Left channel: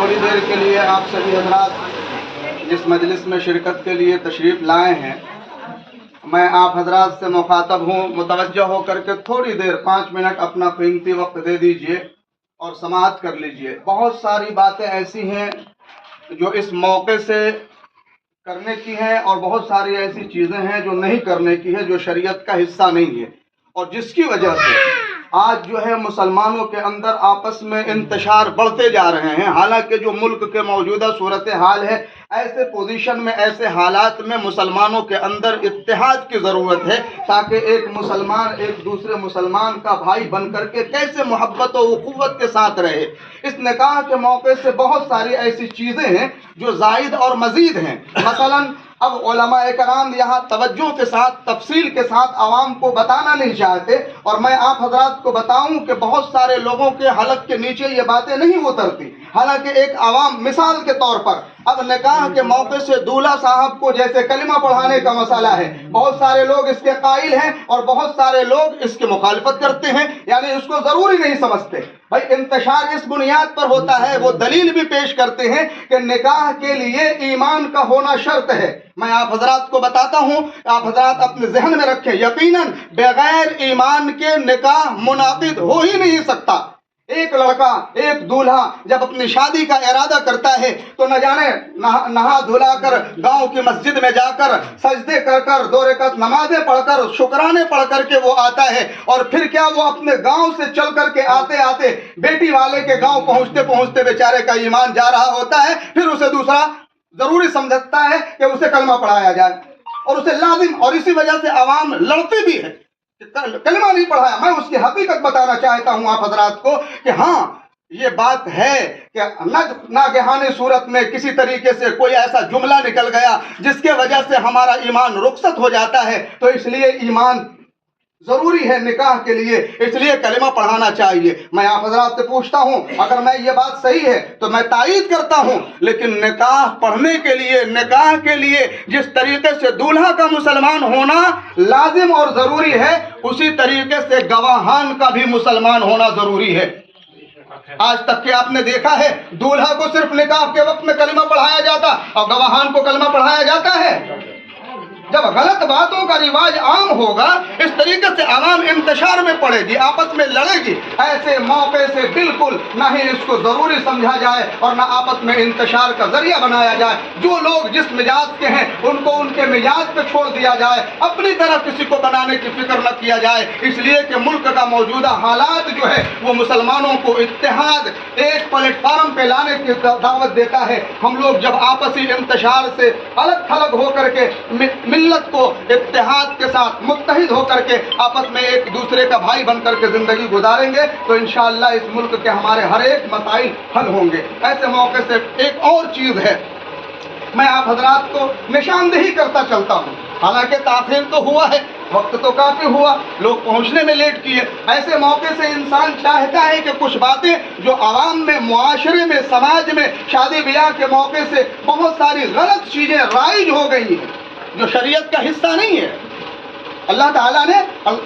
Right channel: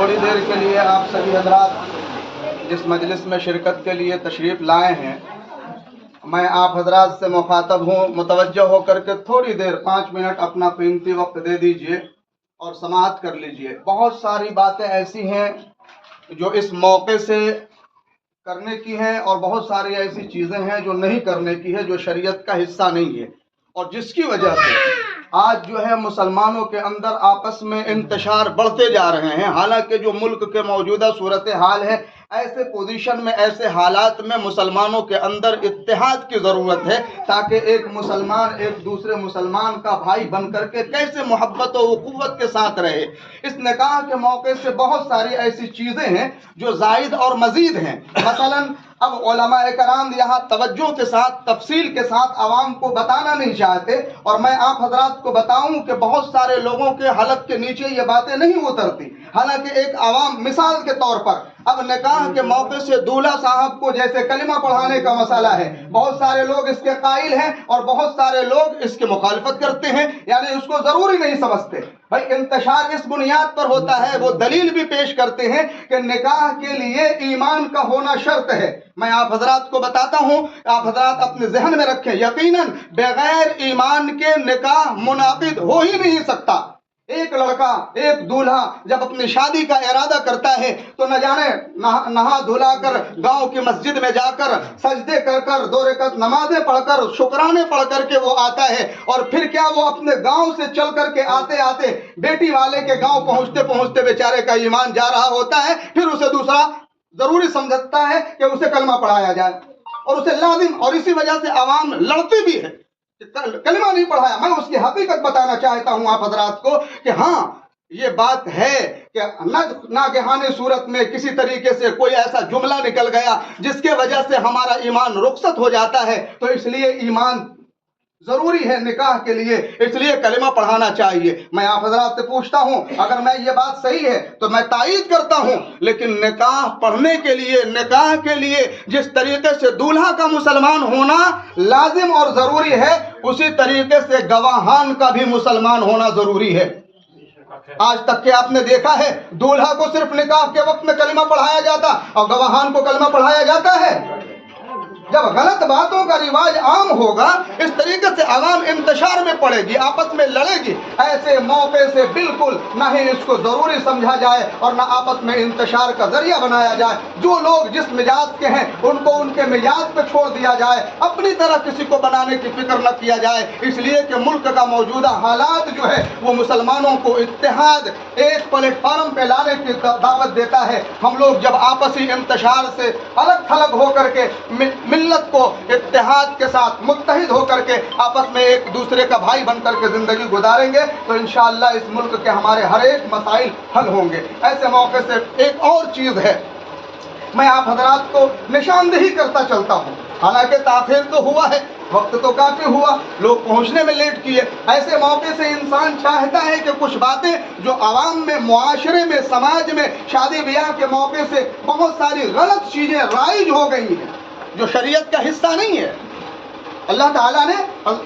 تھوڑی دیر کے لیے آپ سبھی حضرات اس مجلس میں شرکت کے لیے تشریف لائے ہیں. میں آپ حضرات سے مخاطب ہوں، متوجہ ہو کر کے تھوڑی دیر 5 منٹ اپنا قیمتی وقت دے دیجئے اور سماعت کر لیجئے. بہت ساری باتیں ایسی ہیں جو اس موقع سے کرنے کی ہیں اور بہت ساری ایسی چیزیں ہیں جو نہیں کرنے کی ہے، جو شریعت کا حصہ نہیں ہے، اور جس کی وجہ سے آج جو ہے مسلمانوں کے اندر آپس میں انتشار بڑھتے جا رہے ہیں. حالانکہ جو ملک کے موجودہ صورتحال ہے، ایسے پوزیشن میں، ایسے حالات میں مسلمانوں کے اندر اتحاد کی ضرورت ہے، تاکہ ایک مسلمان ایک دوسرے مسلمان کا بھائی بن کر کے کیسے محبت و اخوت کے ساتھ رہے. اس نکاح کے موقع سے بہت ساری ایسی چیزیں ہیں جو زائد اور مزید ہیں. مثلا اب علماء کرام یہاں توجہ کے ساتھ، تفصیل کے ساتھ عوام کو بتانا نہیں چاہتے، اور میں آپ حضرات کو بتاؤں کہ بہت سارے لوگوں کے حلق کے نیچے یہ باتیں نہیں اترتی. حالانکہ ایک عوام مثال کے طور پر اب نکاح کے موقع سے دولہا صاحب کو جیسے کلمہ پڑھانے کا مسئلہ ہے، بہت سارے لوگ اس کے قائل ہیں اور بہت سارے لوگ اس کی مخالفت کرتے ہیں، یعنی اس کو ضروری نہیں سمجھتے. بھائی انتشار اس بنیاد پر ہوتا ہے، وہ دلیل بھی پیش کرتے ہیں کہ نکاح کے لیے ایمان کا ہونا شرط ہے. میں آپ حضرات کو بتاتا ہوں، آپ حضرات اپنے ذہن میں رکھیں، یقیناً بغیر ایمان کے نکاح منعقد ہو ہی نہیں سکتا. ایک لڑکا، ایک دولہا جب اپنی شادی کا ارادہ کرتا ہے تو نہ جانے نہا دھلا کر گاؤں کی مسجد میں جا کر سجدے کر کر 2 رکعت نمازیں پڑھ کر شکرانے پڑھ کر کے وہ آتا ہے، اور پھر کیا وہ اپنے گاؤں سے چل کر کے آتے آتے بیٹی والے کے گاؤں پہنچتے پہنچتے بیچارے کا ایمان جا رہا ہوتا ہے. پھر اسے دوسرا ضروری سمجھتا ہے کہ اسے کلمہ پڑھایا جائے، اور اسے لازم، اور اسی وجہ سے عوام لڑتی بھی ہے. کلمہ نہیں پڑھایا. میں اس کی حقیقت بتانا چاہتا ہوں آپ حضرات کو کہ ہاں یہ بات ہے کہ ناگہانی صورت میں کسی طریقے سے کوئی ایسا جملہ نکل گیا جس کے وجہ سے ہمارا ایمان رخصت ہو جاتا ہے، تو اس لیے ایمان ضروری ہے نکاح کے لیے، اس لیے کلمہ پڑھانا چاہیے. میں آپ حضرات سے پوچھتا ہوں، اگر میں یہ بات صحیح ہے تو میں تائید کرتا ہوں، لیکن نکاح پڑھنے کے لیے، نکاح کے لیے جس طریقے سے دولہا کا مسلمان ہونا لازم اور ضروری ہے، اسی طریقے سے گواہان کا بھی مسلمان ہونا ضروری ہے. آج تک کہ آپ نے دیکھا ہے دولہا کو صرف نکاح کے وقت میں کلمہ پڑھایا جاتا اور گواہان کو کلمہ پڑھایا جاتا ہے. جب غلط باتوں کا رواج عام ہوگا، اس طریقے سے عوام انتشار میں پڑے گی، آپس میں لڑے گی، ایسے موقع سے بالکل نہ ہی اس کو ضروری سمجھا جائے اور نہ آپس میں انتشار کا ذریعہ بنایا جائے. جو لوگ جس مزاج کے ہیں ان کو ان کے مزاج پہ چھوڑ دیا جائے، اپنی طرف کسی کو بنانے کی فکر نہ کیا جائے، اس لیے کہ ملک کا موجودہ حالات جو ہے وہ مسلمانوں کو اتحاد، ایک پلیٹ فارم پہ لانے کی دعوت دیتا ہے. ہم لوگ جب آپسی انتشار سے الگ تھلگ ہو کر کے ملت کو اتحاد کے ساتھ متحد ہو کر کے آپس میں ایک دوسرے کا بھائی بن کر کے زندگی گزاریں گے تو انشاءاللہ اس ملک کے ہمارے ہر ایک مسائل حل ہوں گے. ایسے موقع سے ایک اور چیز ہے، میں آپ حضرات کو نشاندہی کرتا چلتا ہوں. حالانکہ تاخیر تو ہوا ہے، وقت تو کافی ہوا، لوگ پہنچنے میں لیٹ کیے. ایسے موقع سے انسان چاہتا ہے کہ کچھ باتیں جو عوام میں، معاشرے میں، سماج میں شادی بیاہ کے موقع سے بہت ساری غلط چیزیں رائج ہو گئی ہیں جو شریعت کا حصہ نہیں ہے. اللہ تعالیٰ نے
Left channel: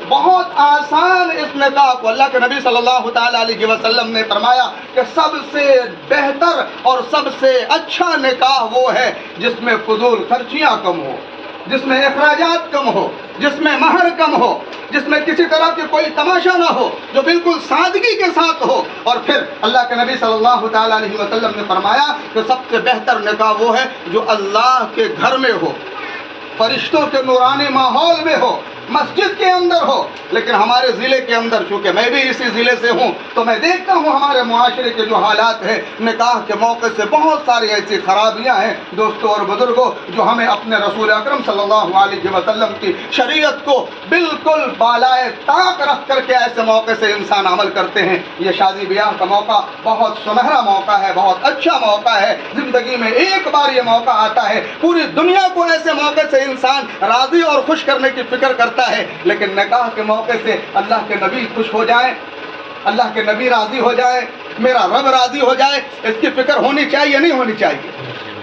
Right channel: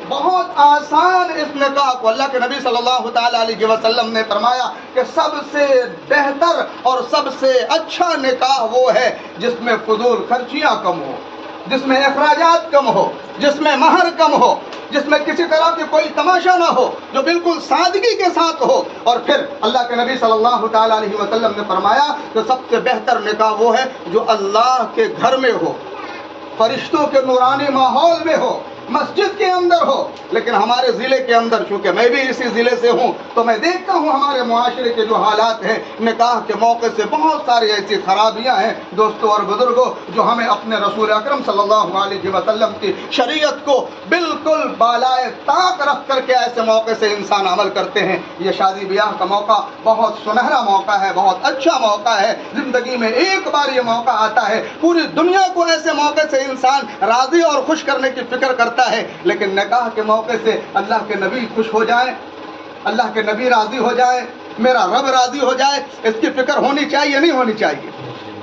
بہت آسان اس نکاح کو، اللہ کے نبی صلی اللہ تعالیٰ علیہ وسلم نے فرمایا کہ سب سے بہتر اور سب سے اچھا نکاح وہ ہے جس میں فضول خرچیاں کم ہو، جس میں اخراجات کم ہو، جس میں مہر کم ہو، جس میں کسی طرح کی کوئی تماشا نہ ہو، جو بالکل سادگی کے ساتھ ہو. اور پھر اللہ کے نبی صلی اللہ تعالیٰ علیہ وسلم نے فرمایا کہ سب سے بہتر نکاح وہ ہے جو اللہ کے گھر میں ہو، فرشتوں کے نورانی ماحول میں ہو، مسجد کے اندر ہو. لیکن ہمارے ضلع کے اندر، چونکہ میں بھی اسی ضلع سے ہوں، تو میں دیکھتا ہوں ہمارے معاشرے کے جو حالات ہیں نکاح کے موقع سے بہت ساری ایسی خرابیاں ہیں دوستوں اور بزرگوں جو ہمیں اپنے رسول اکرم صلی اللہ علیہ وسلم کی شریعت کو بالکل بالائے طاق رکھ کر کے ایسے موقع سے انسان عمل کرتے ہیں. یہ شادی بیاہ کا موقع بہت سنہرا موقع ہے، بہت اچھا موقع ہے. زندگی میں ایک بار یہ موقع آتا ہے، پوری دنیا کو ایسے موقع سے انسان راضی اور خوش کرنے کی فکر کرتا ہے. لیکن نکاح کے موقع سے اللہ کے نبی خوش ہو جائیں، اللہ کے نبی راضی ہو جائیں، میرا رب راضی ہو جائے، اس کی فکر ہونی چاہیے نہیں ہونی چاہیے؟